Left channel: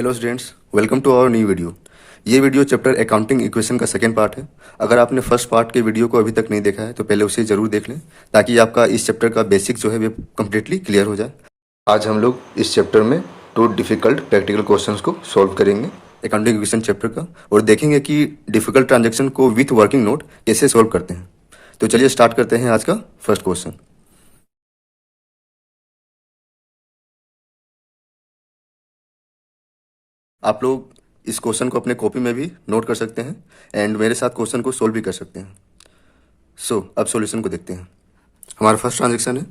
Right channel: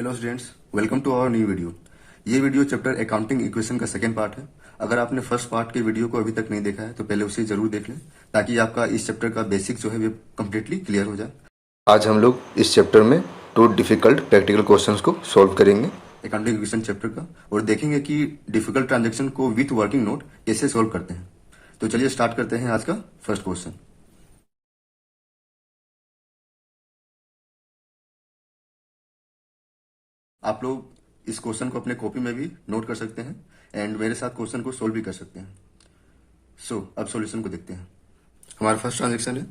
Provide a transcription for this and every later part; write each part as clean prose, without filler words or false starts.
Hello students, welcome to our new video. ये video chapter accounting equation का second part है। अगर आपने फर्स्ट पार्ट के वीडियो को अभी तक नहीं देखा है तो पहले उसे जरूर देख लें, ताकि आपका इस चैप्टर का बेसिक जो है वो कम्प्लीटली क्लियर हो जाए। आज हम लोग इस चैप्टर में 2 डिफिकल्ट प्रैक्टिकल क्वेश्चंस को सॉल्व करेंगे अकाउंटिंग इक्वेशन चैप्टर का, और देखेंगे कि डिफिकल्ट ट्रांजेक्शन को विथ वर्किंग नोट कैसे सॉल्व करते हैं। तो चलिए स्टार्ट करते हैं आज का फर्स्ट क्वेश्चन। आप लोग इस क्वेश्चन को अपने कॉपी में भी नोट कर सकते हैं एंड मेरे साथ क्वेश्चन को सोल्व भी कर सकते हैं। अब सॉल्यूशन को देखते हैं। हमारा फर्स्ट ट्रांजेक्शन है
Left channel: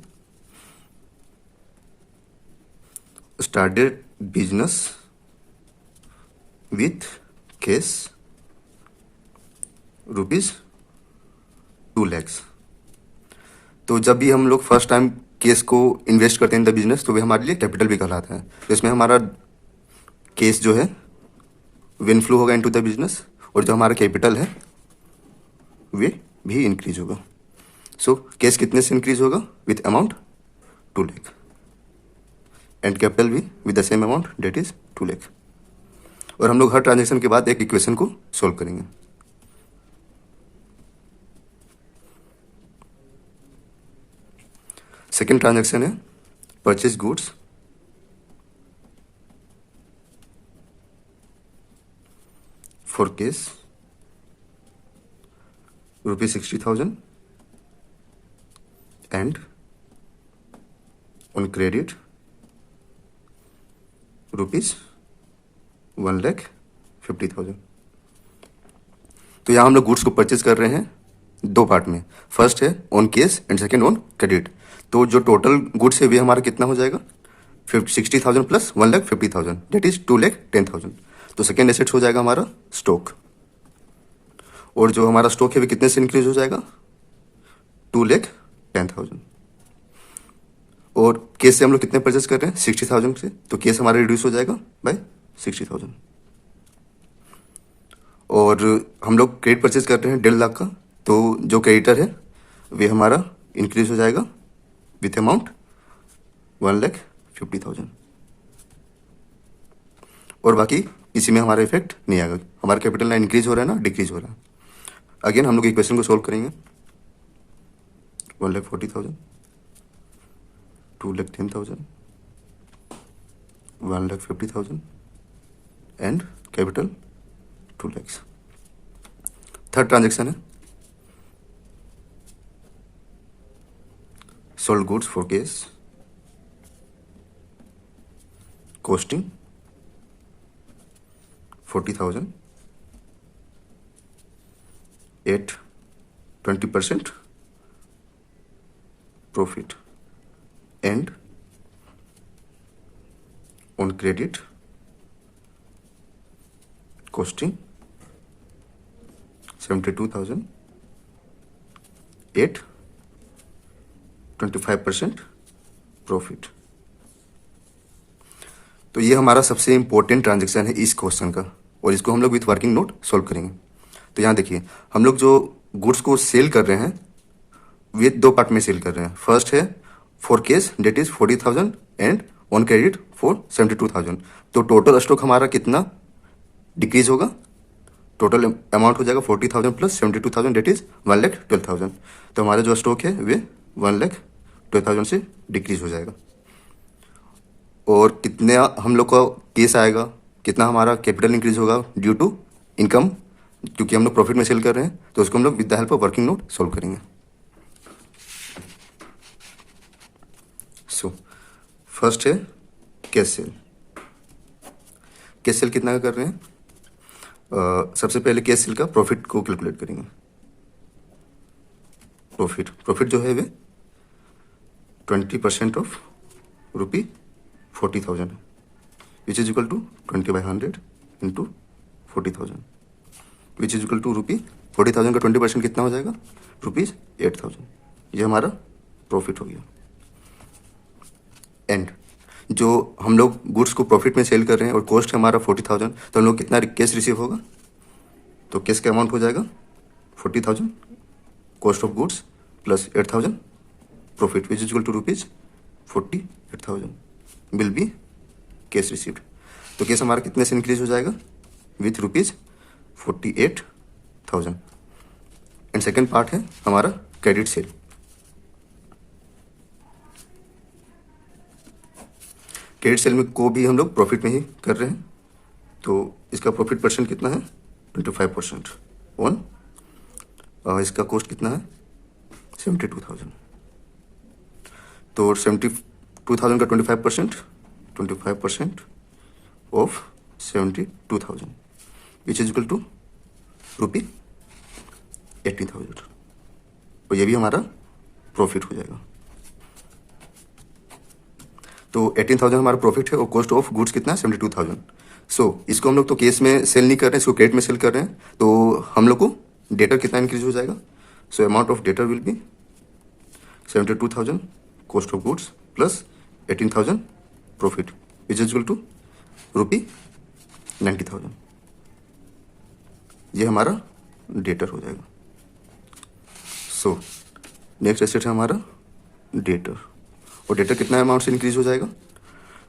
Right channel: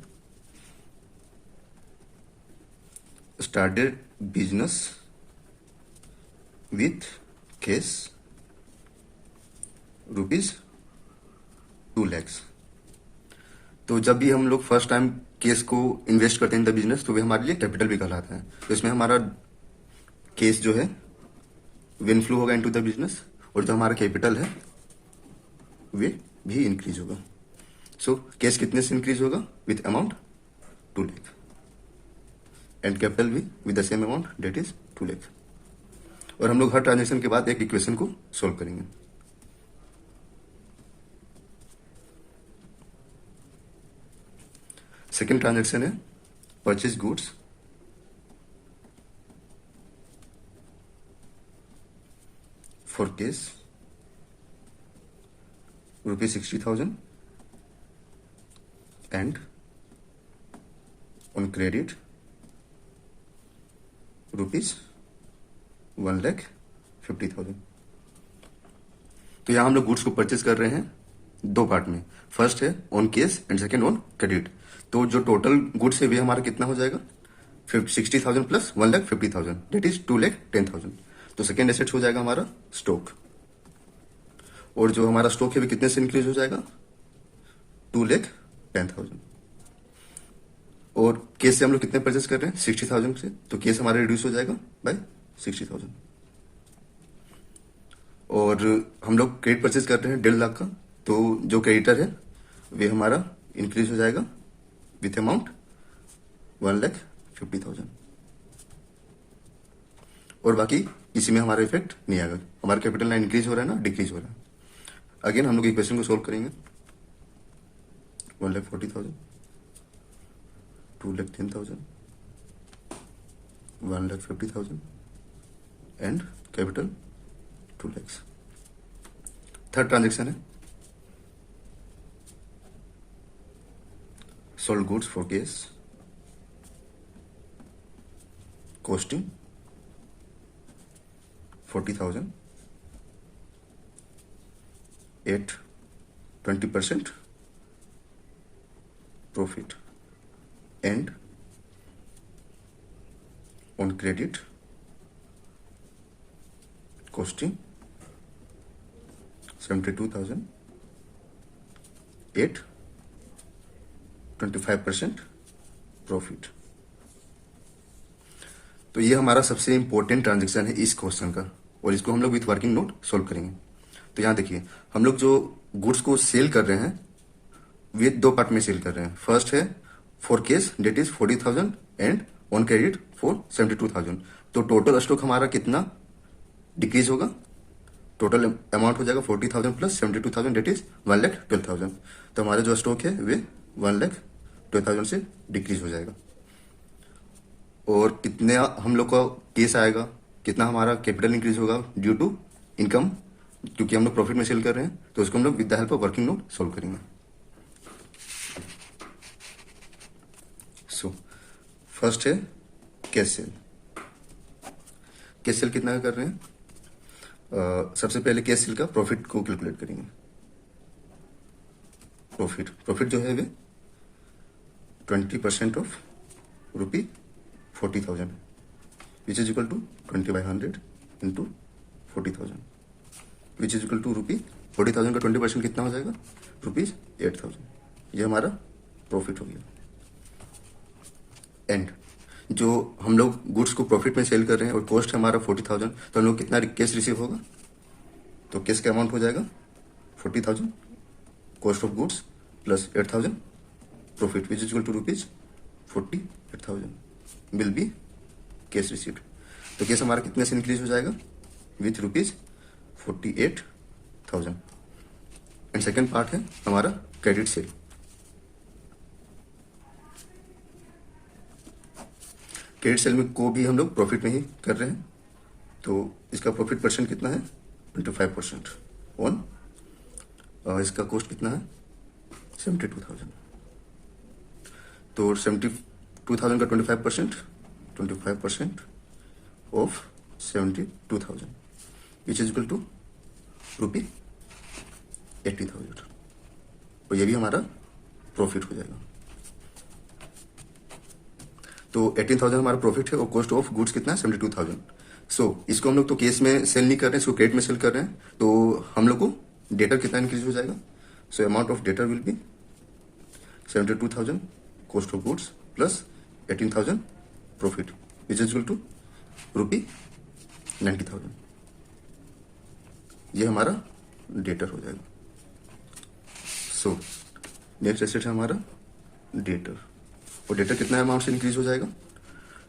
started business with cash ₹2 lakh. तो जब भी हम लोग फर्स्ट टाइम केस को इन्वेस्ट करते हैं इन द बिजनेस, तो वे हमारे लिए कैपिटल भी कहलाता है। तो इसमें हमारा केस जो है विन फ्लो होगा इनटू द बिजनेस, और जो हमारा कैपिटल है वे भी इंक्रीज होगा। केस कितने से इंक्रीज होगा? With amount 2 lakh, and capital भी with the same amount, debt is 2 lakh. और हम लोग हर ट्रांजेक्शन के बाद एक इक्वेशन को सोल्व करेंगे। सेकेंड ट्रांजेक्शन है purchase goods for case ₹60,000 and on credit ₹1,50,000। तो यहाँ हम लोग गुड्स को परचेज कर रहे हैं दो पार्ट में। फर्स्ट है on case and second on credit. तो जो टोटल गुड्स है वे हमारा कितना हो जाएगा? 60,000 प्लस 1,50,000, डेट इज 2,10,000। तो सेकेंड एसेट्स हो जाएगा हमारा स्टॉक, और जो हमारा स्टॉक है वो कितने से इंक्रीज हो जाएगा? 2,10,000। और केस से हम लोग कितने परचेज कर रहे हैं? 60,000 से, तो केस हमारा रिड्यूस हो जाएगा बाय 60,000। और हम लोग क्रेडिट परचेज कर रहे हैं 1.5 लाख का, तो जो क्रेडिटर है वे हमारा इंक्रीज हो जाएगा विथ अमाउंट 1,50,000। और बाकी इसी में हमारा इफेक्ट नहीं आएगा। हमारा कैपिटल ना इंक्रीज हो रहा है ना डिक्रीज हो रहा है। अगेन हम लोग इक्वेशन को सोल्व करेंगे। 1,40,000, 2,10,000, 1,50,000 and capital 2 lakhs। Third transaction है sold goods for cash costing 40,000 at 20% profit, and on credit costing 72,000 at 25% profit. तो ये हमारा सबसे इंपॉर्टेंट ट्रांजेक्शन है इस क्वेश्चन का, और इसको हम लोग विथ वर्किंग नोट सोल्व करेंगे। तो यहाँ देखिए, हम लोग जो गुड्स को सेल कर रहे हैं वे दो पार्ट में सेल कर रहे हैं। फर्स्ट है for case, debt is 40,000 and on credit for 72,000। तो टोटल स्टॉक हमारा कितना डिक्रीज होगा? टोटल अमाउंट हो जाएगा 40,000 प्लस 72,000, डेट इज 1,12,000। तो हमारा जो स्टॉक है वे 1,12,000 से डिक्रीज हो जाएगा। और कितने हम लोग का केस आएगा, कितना हमारा कैपिटल इंक्रीज होगा ड्यू टू इनकम, क्योंकि हम लोग प्रॉफिट में सेल कर रहे हैं। तो उसको हम लोग with the help of working note solve करेंगे। फर्स्ट है कैश सेल। कैश सेल कितना का कर रहे हैं? सबसे पहले कैश सेल का प्रॉफिट को कैलकुलेट करेंगे। प्रॉफिट जो है वे 20% of ₹40,000, which is equal to 20/100 into 40,000, which is equal to ₹40,000 का 20% कितना हो जाएगा? ₹8,000। ये हमारा प्रॉफिट हो गया। एंड जो हम लोग गुड्स को प्रॉफिट में सेल कर रहे हैं और कॉस्ट है हमारा 40,000, तो हम लोग कितना कैश रिसीव होगा? तो कैश का अमाउंट हो जाएगा 40,000 cost of goods plus 8,000 profit, which is equal to ₹48,000 will be cash received. तो केस हमारा कितने से इंक्रीज हो जाएगा? विथ ₹48,000। एंड सेकेंड पार्ट है हमारा क्रेडिट सेल। क्रेडिट सेल में को भी हम लोग प्रॉफिट में ही कर रहे हैं, तो इसका प्रॉफिट परसेंट कितना है? 25% ऑन, इसका कॉस्ट कितना है? 72,000। तो 72,000 का 25% of 72,000 which is equal to ₹80,000। और ये भी हमारा प्रॉफिट हो जाएगा। तो 18,000 हमारा प्रॉफिट है और कॉस्ट ऑफ गुड्स कितना है? 72,000। सो इसको हम लोग तो केस में सेल नहीं कर रहे हैं, इसको क्रेडिट में सेल कर रहे हैं, तो हम लोग को डेटर कितना इंक्रीज हो जाएगा? So amount of debtor will be 72,000 cost of goods plus 18,000 profit which is equal to ₹90,000। ये हमारा डेटर हो जाएगा। सो नेक्स्ट एसेट है हमारा डेटर, और डेटर कितना अमाउंट से इंक्रीज हो जाएगा?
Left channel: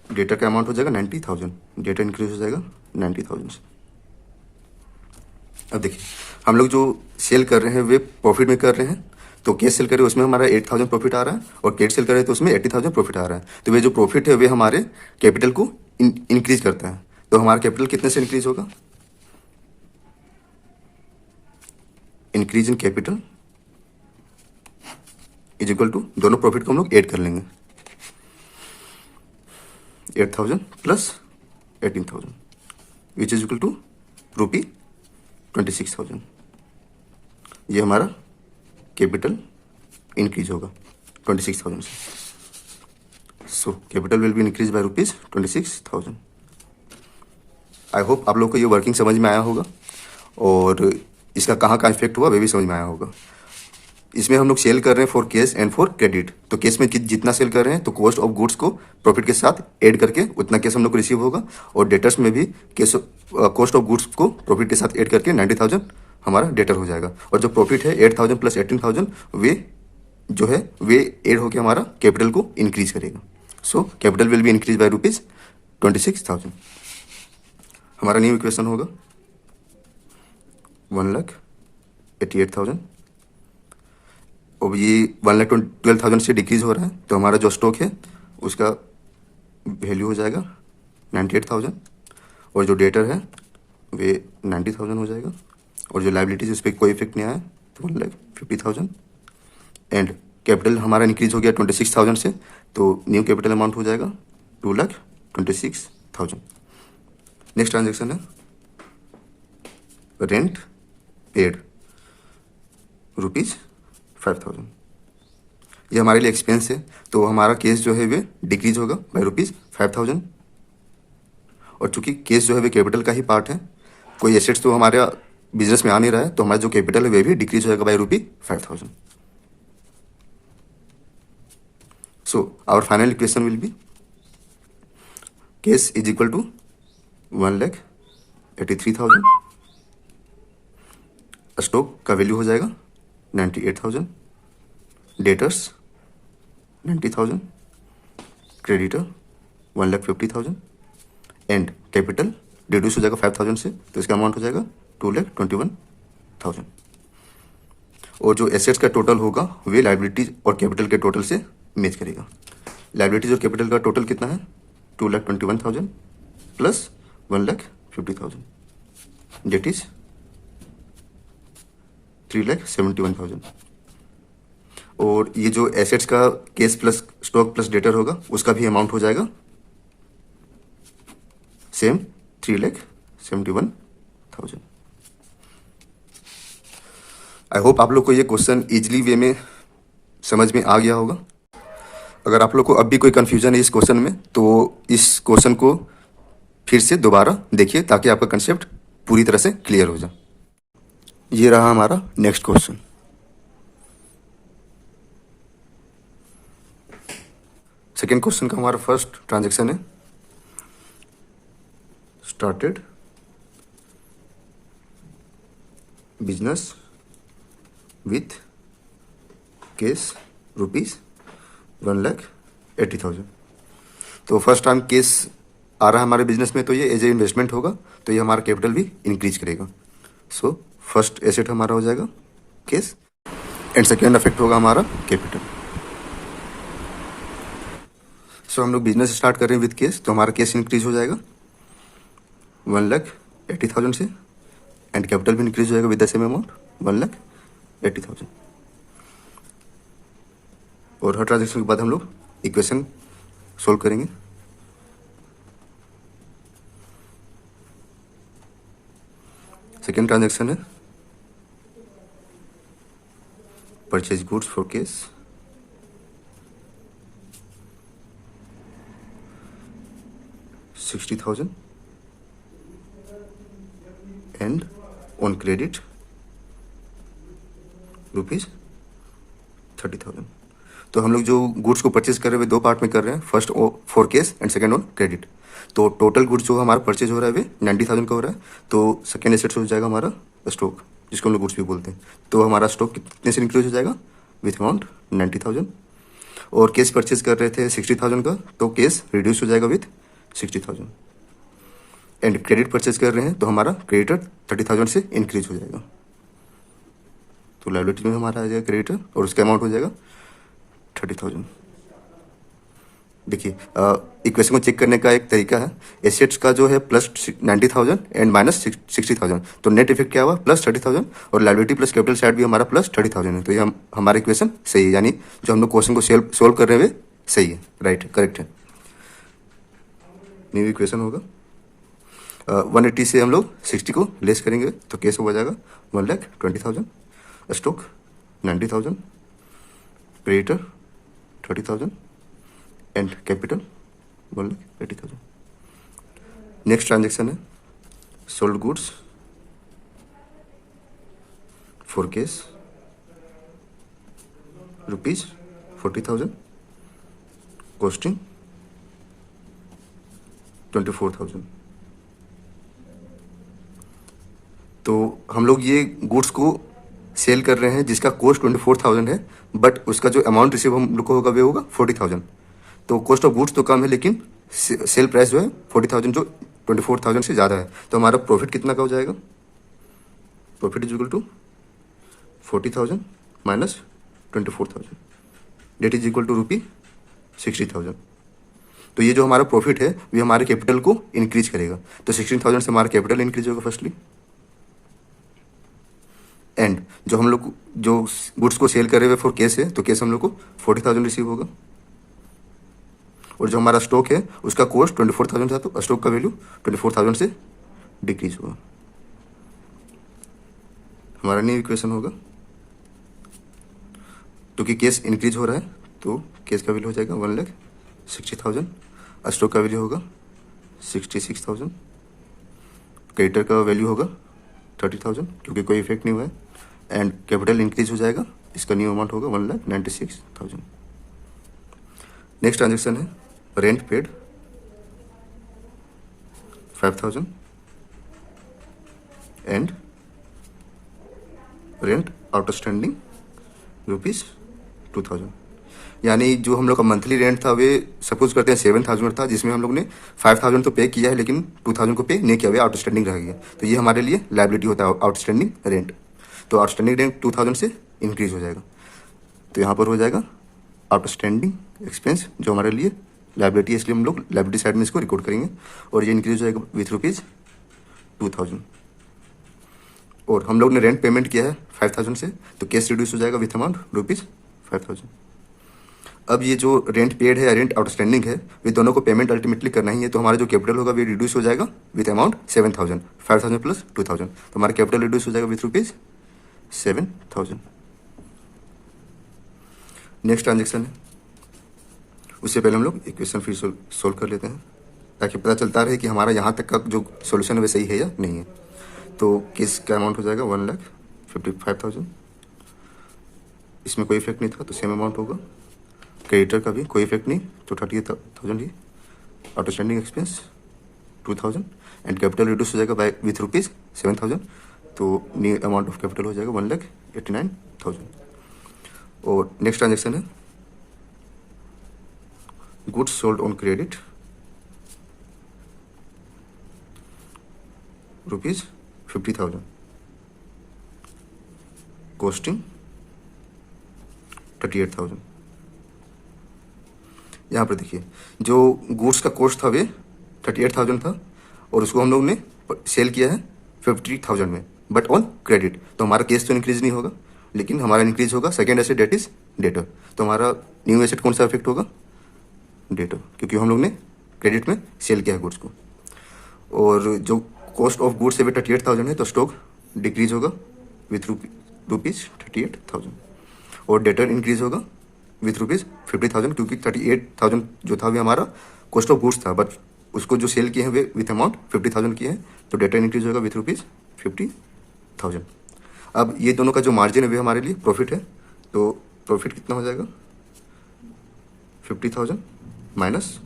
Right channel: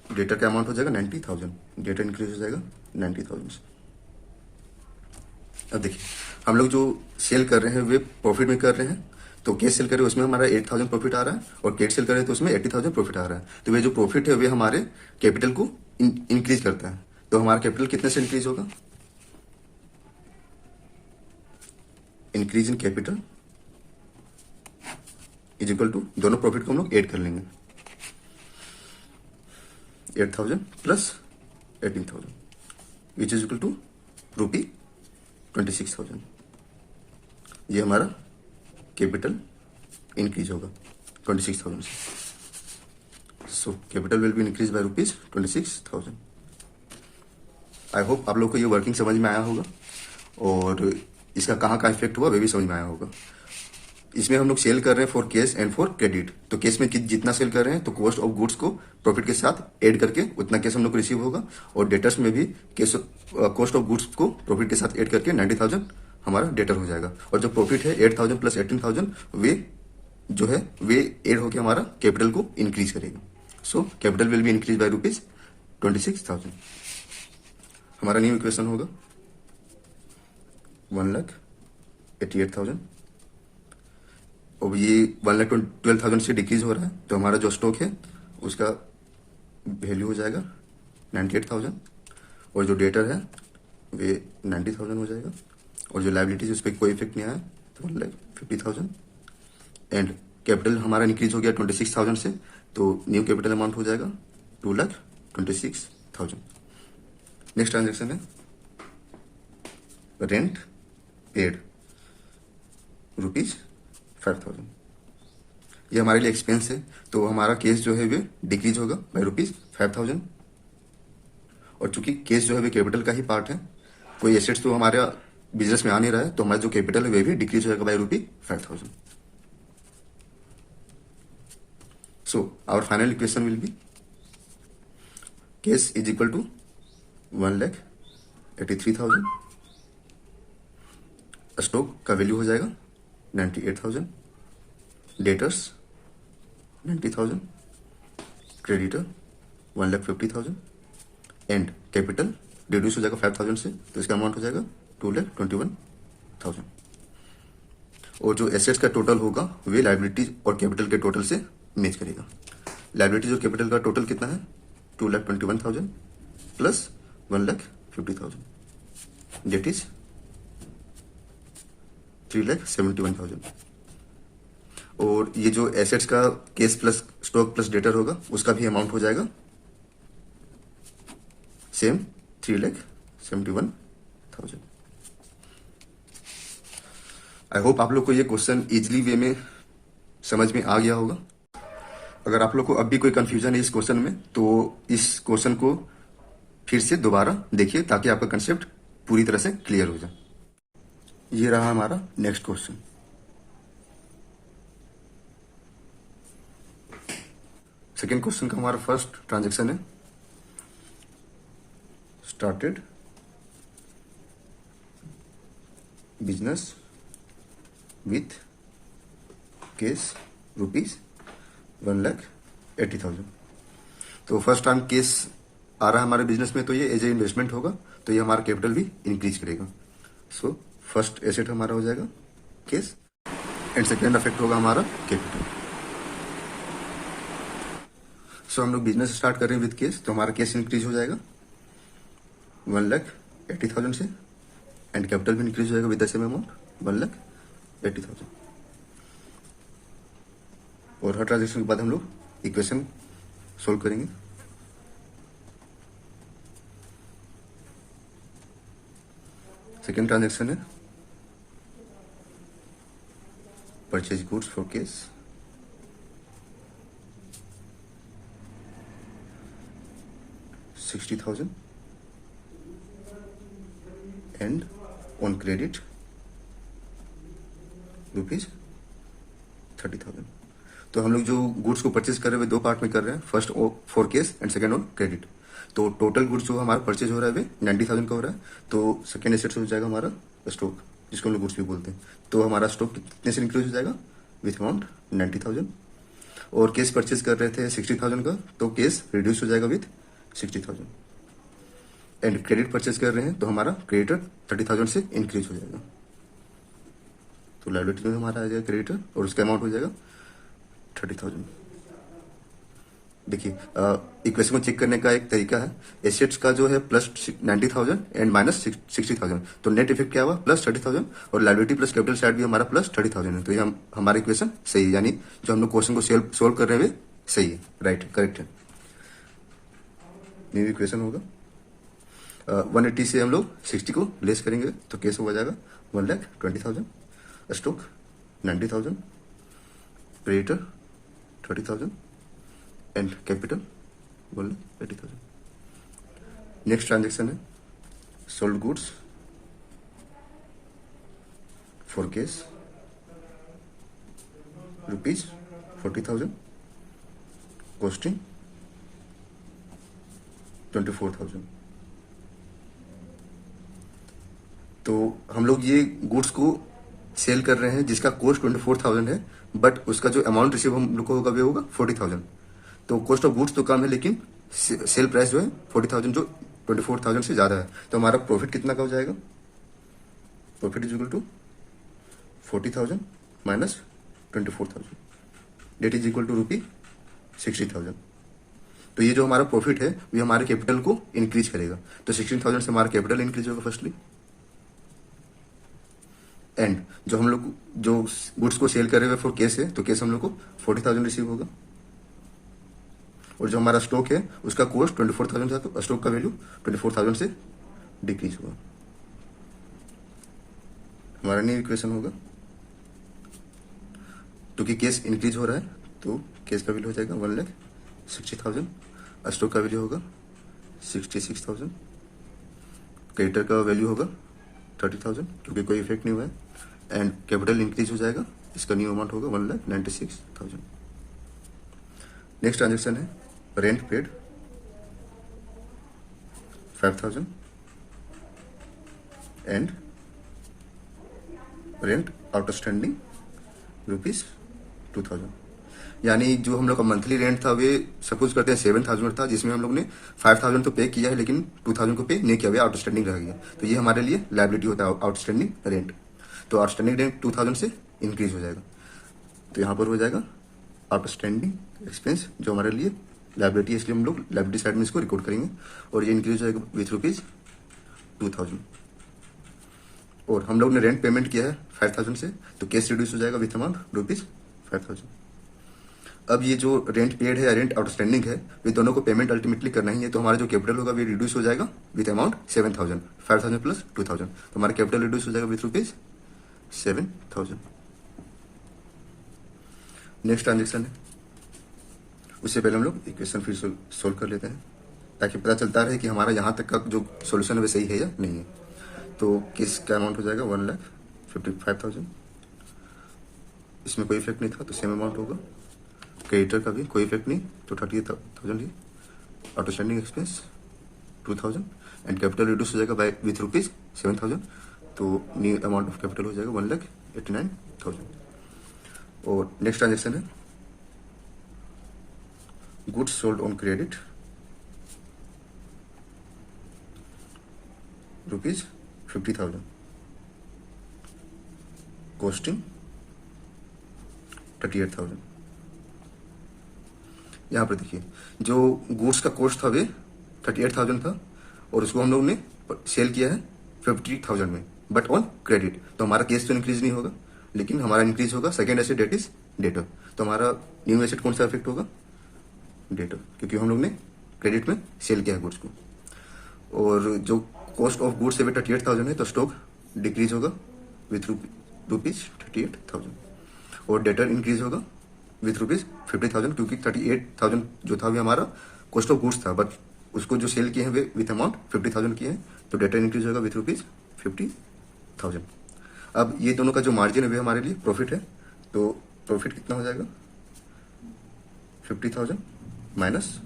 डेटर का अमाउंट हो जाएगा 90,000। डेटर इंक्रीज हो जाएगा 90,000 से। अब देखिए हम लोग जो सेल कर रहे हैं वे प्रॉफिट में कर रहे हैं, तो केस सेल कर रहे हैं उसमें हमारा 8,000 प्रॉफिट आ रहा है, और क्रेडिट सेल कर रहे हैं तो उसमें 80,000 प्रॉफिट आ रहा है। तो वे जो प्रॉफिट है वे हमारे कैपिटल को इंक्रीज करता है। तो हमारा कैपिटल कितने से इंक्रीज होगा? Increase in capital is equal to, दोनों प्रॉफिट को हम लोग ऐड कर लेंगे, 8,000 plus 18,000 which is equal to ₹26,000। ये हमारा कैपिटल इंक्रीज होगा 26,000 से। So capital will be increase by ₹26,000। I hope आप लोग को ये वर्किंग समझ में आया होगा, और इसका कहाँ कहाँ इफेक्ट हुआ वे भी समझ में आया होगा। इसमें हम लोग सेल कर रहे हैं for cash and for credit. तो केस में जितना सेल कर रहे हैं तो कॉस्ट ऑफ गुड्स को प्रॉफिट के साथ ऐड करके उतना केस हम लोग को रिसीव होगा, और डेटर्स में भी केस कॉस्ट ऑफ गुड्स को प्रॉफिट के साथ ऐड करके 90,000 हमारा डेटर हो जाएगा। और जो प्रॉफिट है 8,000 प्लस 18,000 वे जो है वे ऐड होकर हमारा कैपिटल को इंक्रीज करेगा। सो capital will be increase by ₹26,000। हमारा न्यू इक्वेशन होगा 1,88,000। और ये 1,12,000 से डिक्रीज हो रहा है, तो हमारा जो स्टॉक है उसका वैल्यू हो जाएगा 98,000, और जो डेटर है वे 90,000 हो जाएगा, और जो लाइबिलिटीज उस पर कोई इफेक्ट नहीं आया तो 1,50,000। एंड कैपिटल हमारा इंक्रीज हो गया 26,000 से, तो न्यू कैपिटल अमाउंट हो जाएगा 2,26,000। नेक्स्ट ट्रांजेक्शन है रेंट पेड ₹5,000। ये हमारे लिए एक्सपेंस है, तो हमारा केस जो है वे डिक्रीज होगा बाय ₹5,000। और चूंकि केस जो है वे कैपिटल का ही पार्ट है, कोई एसेट्स तो हमारे बिजनेस में आ नहीं रहा है, तो हमारा जो कैपिटल है वे भी डिक्रीज होगा by ₹5,000। So our final equation will be case is equal to 1,83,000, stock का वैल्यू हो जाएगा 98,000, debtors 90,000, creditor 1,50,000, and capital reduce हो जाएगा 5,000 से, तो इसका अमाउंट हो जाएगा 2,21,000। और जो एसेट्स का टोटल होगा वे लाइबिलिटीज और कैपिटल के टोटल से मैच करेगा। लाइबिलिटीज और कैपिटल का टोटल कितना है? 2,21,000 प्लस 1,50,000 डेट इज 3,71,000। और ये जो एसेट्स का case plus stock plus debtor होगा उसका भी अमाउंट हो जाएगा सेम 3,71,000। आई होप आप लोग को ये क्वेश्चन इजली वे में समझ में आ गया होगा। अगर आप लोग को अब भी कोई कंफ्यूजन है इस क्वेश्चन में, तो इस क्वेश्चन को फिर से दोबारा देखिए ताकि आपका कंसेप्ट पूरी तरह से क्लियर हो जाए। ये रहा हमारा नेक्स्ट क्वेश्चन। सेकेंड क्वेश्चन का हमारा फर्स्ट ट्रांजैक्शन है स्टार्टेड बिजनेस विथ केस ₹1,80,000। तो फर्स्ट टाइम केस आ रहा है हमारे बिजनेस में, तो ये एज ए इन्वेस्टमेंट होगा, तो ये हमारा कैपिटल भी इंक्रीज करेगा। सो फर्स्ट एसेट हमारा हो जाएगा केस, एंड सेकेंड इफेक्ट होगा हमारा कैपिटल। सो हम लोग बिजनेस स्टार्ट कर रहे हैं विद केस, तो हमारा केस इंक्रीज हो जाएगा 1,80,000 से, एंड कैपिटल भी इंक्रीज हो जाएगा विद द सेम अमाउंट 1,80,000। और हर ट्रांजेक्शन के बाद हम लोग इक्वेशन सोल्व करेंगे। सेकेंड ट्रांजेक्शन है purchase goods for case, $60,000 and on credit ₹30,000। तो हम लोग जो गुड्स को परचेज कर रहे हैं दो पार्ट में कर रहे हैं, first for case and second on credit. तो टोटल गुड्स जो हमारा परचेज हो रहा है वे 90,000 का हो रहा है। तो सेकेंड एसेट हो जाएगा हमारा स्टॉक, जिसको हम लोग गुड्स भी बोलते हैं। तो हमारा स्टॉक कितने से इंक्रीज हो जाएगा विथ अमाउंट 90,000। और केस परचेज कर रहे थे 60,000 का, तो केस रिड्यूस हो जाएगा विथ 60,000। एंड क्रेडिट परचेज कर रहे हैं तो हमारा क्रेडिटर 30,000 से इंक्रीज हो जाएगा। तो लायबिलिटी में हमारा आ जाएगा क्रेडिटर और उसका अमाउंट हो जाएगा 30,000। देखिए इक्वेशन को चेक करने का एक तरीका है, एसेट्स का जो है प्लस 90,000 एंड माइनस 60,000, तो नेट इफेक्ट क्या हुआ प्लस 30,000, और लायबिलिटी प्लस कैपिटल साइड भी हमारा प्लस 30,000 है। तो ये हमारा इक्वेशन सही है, यानी जो हम लोग क्वेश्चन को सोल्व कर रहे हैं सही है, राइट, करेक्ट है। न्यू इक्वेशन होगा 180 से हम लोग 60 को लेस करेंगे तो केस हो जाएगा 1,20,000, stock 90,000, creditor 30,000 and capital 1,80,000। Next transaction है sold goods for cash ₹40,000, costing 24,000। तो हम लोग ये गुड्स को सेल कर रहे हैं जिसका कॉस्ट 24,000 है, बट उसका जो अमाउंट रिसीव हम लोग को होगा वो होगा 40,000। तो कॉस्ट ऑफ गुड्स तो कम है, लेकिन सेल प्राइस जो है 40,000 जो 24,000 से ज़्यादा है। तो हमारा प्रॉफिट कितना का हो जाएगा, profit is equal to 40,000 minus 24,000, debt is equal to ₹60,000। तो ये जो हमारा प्रॉफिट है वो हमारे कैपिटल को इंक्रीज करेगा। तो 16,000 से हमारा कैपिटल इंक्रीज होगा फर्स्टली, एंड जो हम लोग जो गुड्स को सेल कर रहे हैं फॉर केस है, तो केस हम लोग को 40,000 रिसीव होगा। और जो हमारा स्टॉक है उसका कॉस्ट 24,000 था, तो स्टॉक का वैल्यू 24,000 से डिक्रीज होगा। हमारा न्यू इक्वेशन होगा, क्योंकि केस इंक्रीज हो रहा है तो केस का वैल्यू हो जाएगा 1,60,000, स्टॉक का वैल्यू होगा 66,000, क्रेडिटर का वैल्यू होगा 30,000 क्योंकि कोई इफेक्ट नहीं हुआ है, एंड कैपिटल इंक्रीज हो जाएगा, इसका न्यू अमाउंट होगा 1,96,000। नेक्स्ट ट्रांजेक्शन है rent paid 5,000 and rent outstanding ₹2,000। यानी जो हम लोग का मंथली रेंट था वे सपोज करते हैं 7,000 था, जिसमें हम लोग ने 5,000 तो पे किया है लेकिन 2,000 को पे नहीं किया, वे आउटस्टैंडिंग रह गया। तो ये हमारे लिए लायबिलिटी होता है आउटस्टैंडिंग रेंट। तो आउटस्टैंडिंग रेंट 2,000 से इंक्रीज हो जाएगा, तो यहाँ पर हो जाएगा आउटस्टैंडिंग एक्सपेंस जो हमारे लिए लायबिलिटी है, इसलिए हम लोग लायबिलिटी साइड में इसको रिकॉर्ड करेंगे, और ये इंक्रीज हो जाएगा विथ ₹2,000। और हम लोग ने रेंट पेमेंट किया है 5,000 से, तो केस रिड्यूस हो जाएगा विथ अमाउंट ₹5,000। अब ये जो रेंट पेड है या रेंट आउटस्टैंडिंग है, वे दोनों को पेमेंट अल्टीमेटली करना ही है। तो हमारा जो कैपिटल होगा वे रिड्यूस हो जाएगा विथ अमाउंट 7,000, 5,000 प्लस 2,000, तो हमारा कैपिटल रिड्यूस हो जाएगा विथ ₹7,000। नेक्स्ट ट्रांजेक्शन है, उससे पहले हम लोग इक्वेशन फिर सोल्व कर लेते हैं ताकि पता चलता रहे कि हमारा यहाँ तक का जो सोल्यूशन है वे सही है या नहीं है। तो केस का अमाउंट हो जाएगा 1,55,000, इसमें कोई इफेक्ट नहीं था तो सेम अमाउंट होगा। क्रेडिटर का भी कोई इफेक्ट नहीं, तो 38,000 ही। Outstanding expense 2,000 and capital reduce हो जाएगा बाय विथ ₹7,000, तो न्यू अमाउंट ऑफ कैपिटल हो जाएगा 1,89,000। और नेक्स्ट ट्रांजेक्शन है goods sold on credit rupees 50,000, costing 38,000। यहाँ पर देखिए जो गुड्स का कॉस्ट था वे 38,000 था और उसको हम लोग ने सेल किया है 50,000 में, बट ऑन क्रेडिट। तो हमारा केस तो इंक्रीज नहीं होगा, लेकिन हमारा इंक्रीज होगा second asset, debt is debtor. तो हमारा न्यू एसेट कौन सा इफेक्ट होगा? डेटर, क्योंकि हम लोग ने क्रेडिट में सेल किया है गुड्स को। और जो कॉस्ट ऑफ गुड्स है वे 38,000 है, तो स्टॉक डिक्रीज होगा विथ रुपीज 38,000 और डेटर इंक्रीज होगा विथ रुपीज 50,000, क्योंकि 38,000 जो था वे हमारा कॉस्ट ऑफ गुड्स था, बट उसको जो सेल किए हैं वे विथ अमाउंट 50,000 किए हैं, तो डेटर इंक्रीज होगा विथ रुपीज 50,000। अब ये दोनों का जो मार्जिन है वे हमारे लिए प्रॉफिट है, तो प्रॉफिट कितना हो जाएगा? 50,000 minus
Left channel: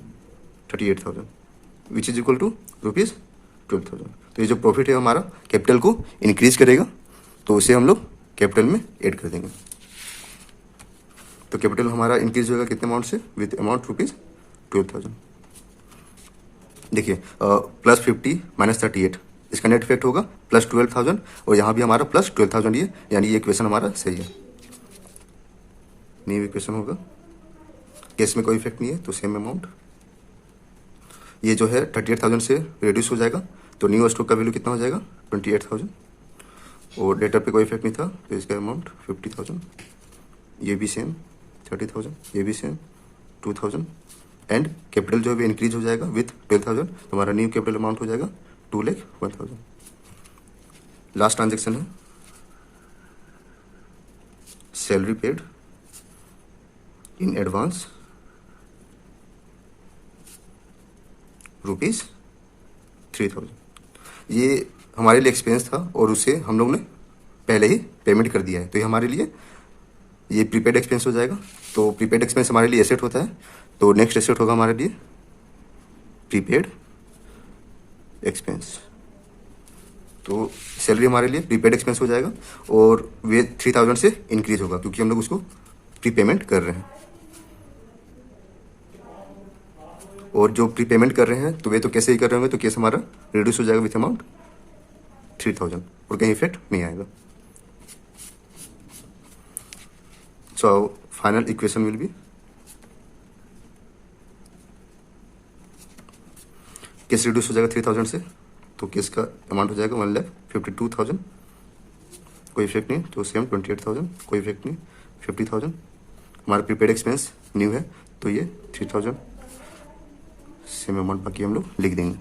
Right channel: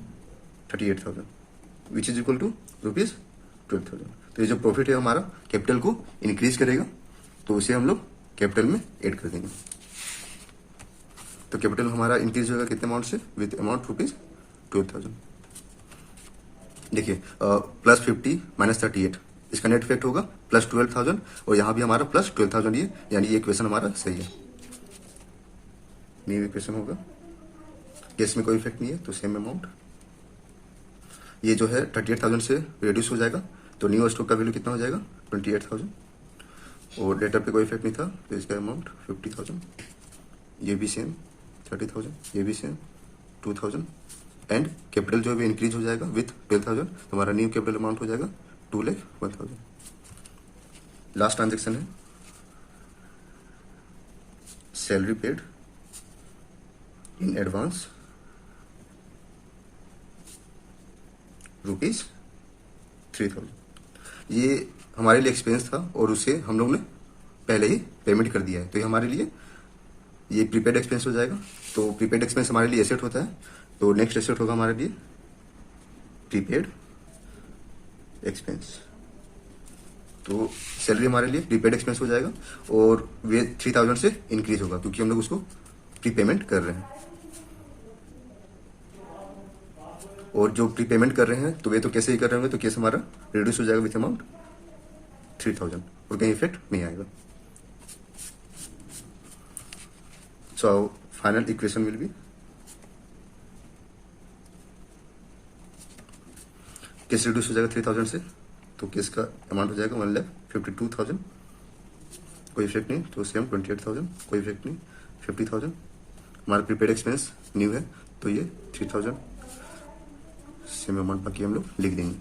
38,000 which is equal to rupees 12,000। तो ये जो प्रॉफिट है हमारा कैपिटल को इंक्रीज करेगा, तो उसे हम लोग कैपिटल में ऐड कर देंगे। तो कैपिटल हमारा इंक्रीज होगा कितने अमाउंट से? With amount rupees 12,000। देखिए प्लस 50 माइनस 38, इसका नेट इफेक्ट होगा प्लस 12,000 और यहाँ भी हमारा प्लस 12,000 ये, यानी ये इक्वेशन हमारा सही है। न्यू इक्वेशन होगा, केस में कोई इफेक्ट नहीं है, तो सेम अमाउंट। ये जो है 38,000 से रिड्यूस हो जाएगा, तो न्यू स्टॉक का वैल्यू कितना हो जाएगा? 28,000 और डेटर पे कोई इफेक्ट नहीं था, तो इसका अमाउंट 50,000। ये भी सेम 30,000, ये भी सेम 2,000 एंड कैपिटल जो है इंक्रीज हो जाएगा विथ 12,000, तो हमारा न्यू कैपिटल अमाउंट हो जाएगा 2,01,000। लास्ट ट्रांजेक्शन है salary paid in advance rupees 3,000। ये हमारे लिए एक्सपेंस था और उसे हम लोग ने पहले ही पेमेंट कर दिया है, तो ये हमारे लिए ये प्रीपेड एक्सपेंस हो जाएगा। तो प्रीपेड एक्सपेंस हमारे लिए एसेट होता है, तो नेक्स्ट एसेट होगा हमारे लिए प्रीपेड एक्सपेंस। तो सैलरी हमारे लिए प्रीपेड एक्सपेंस हो जाएगा और वे 3,000 से इंक्रीज होगा, क्योंकि हम लोग उसको प्रीपेमेंट कर रहे हैं। और जो प्रीपेमेंट कर रहे हैं तो वे तो कैसे ही कर रहे होंगे, तो केस हमारा रिड्यूस हो जाएगा विथ अमाउंट 3,000 और कहीं इफेक्ट नहीं आएगा। So final equation will be case reduce हो जाएगा 3,000 से, तो केस का अमाउंट हो जाएगा 1,52,000, कोई इफेक्ट नहीं, तो सेम 28,000, कोई इफेक्ट नहीं, 50,000। हमारा प्रीपेड एक्सपेंस न्यू है, तो ये 3,000 सेम अमाउंट बाकी हम लोग लिख देंगे।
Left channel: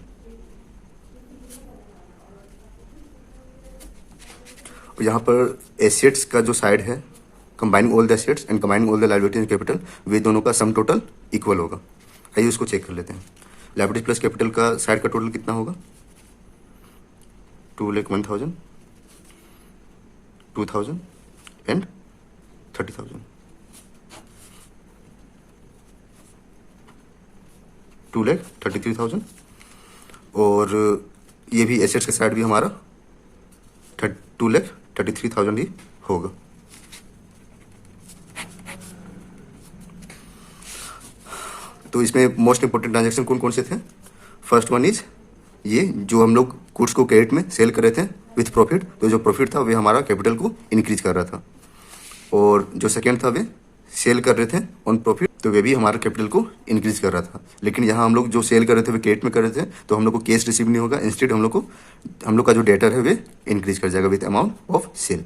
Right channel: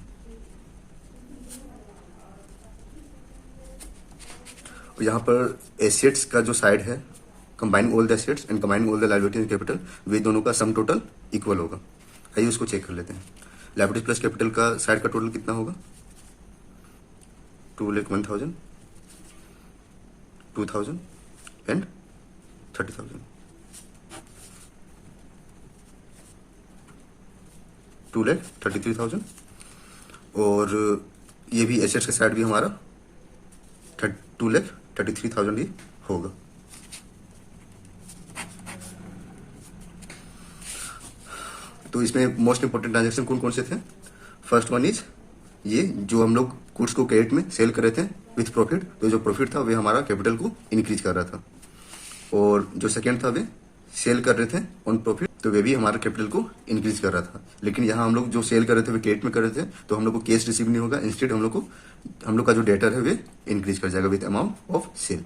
और यहाँ पर एसेट्स का जो साइड है, combining all the assets and combining all the liabilities and capital, वे दोनों का सम टोटल इक्वल होगा। आइए उसको चेक कर लेते हैं। लायबिलिटीज प्लस कैपिटल का साइड का टोटल कितना होगा? 2,01,000, 2,000 एंड 30,000, 2,33,000। और ये भी एसेट्स का साइड भी हमारा 2,33,000 ही होगा। तो इसमें मोस्ट इंपोर्टेंट ट्रांजेक्शन कौन कौन से थे? फर्स्ट वन इज ये जो हम लोग गुड्स को क्रेडिट में सेल कर रहे थे विथ प्रॉफिट, तो जो प्रॉफिट था वे हमारा कैपिटल को इंक्रीज कर रहा था। और जो सेकेंड था वे सेल कर रहे थे ऑन प्रॉफिट, तो वे भी हमारा कैपिटल को इंक्रीज कर रहा था। लेकिन यहाँ हम लोग जो सेल कर रहे थे वे क्रेडिट में कर रहे थे, तो हम लोग को कैश रिसीव नहीं होगा, इंस्टेड हम लोग का जो डेटर है वे इंक्रीज कर जाएगा विथ अमाउंट ऑफ सेल।